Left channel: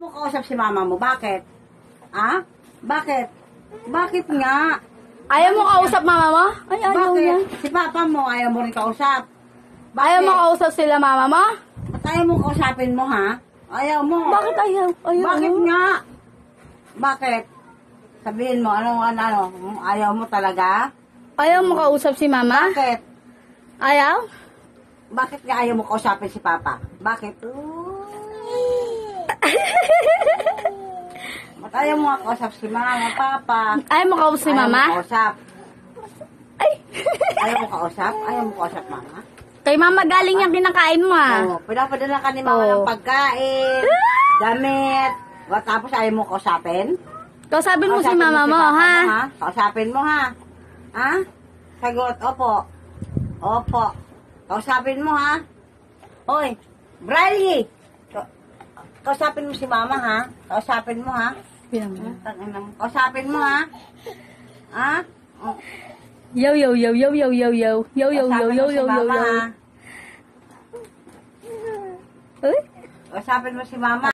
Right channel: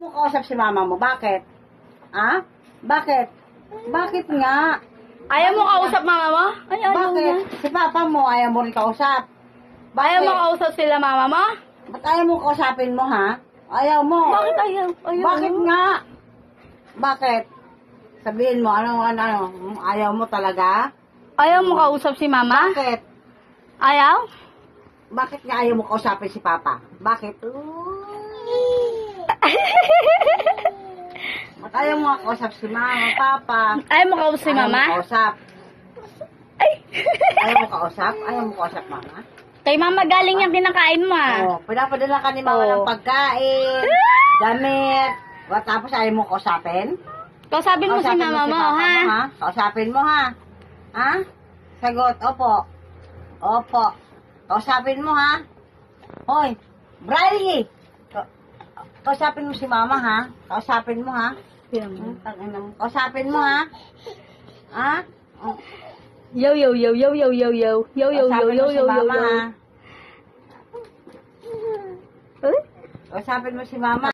Mo kausap si mama mo, bakit? Ha? Bakit? Bakit nga? Ayaw mo kausap mama mo? Ay, ayaw Bakit? mo. Si papa mo, ayaw mo rin kausap. Bakit? Ayaw mo kausap sila mama mo? Ba't ayaw mo kausapin mo, ha? Ayaw mo. Bakit ayaw? Ayaw Bakit mo? nga? Bakit? Sabihin mo, ano, ayaw mo talaga? Ayaw mo kausap si mama? Bakit? Ayaw? Bakit nga ayaw mo kausapin si papa? Bakit? Ba't ayaw mo kausap si mama, papa? Ayaw mo kausap si mama? Ayaw mo kausap. Ay! Ayaw mo kausap? Ayaw mo kausap, mama? Kay mama galing yung kinakain mo ah. Oo, pinapadala ka ni mama ng pagkain, damit, tapos ayaw mo kausapin? Kausapin mo si mama mo, papa ha? mo, ha? Kausapin mo, ha? Ha? Sagot, opo. Opo. Kausapin mo, ha? Hoy, Briley! Kausapin mo si mama, ha? Kausapin mo, ha? Kausapin mo, ha? Ha? Oh. Yo yo yo yo yo yo yo yo yo yo yo yo yo yo. Kausapin mo si mama.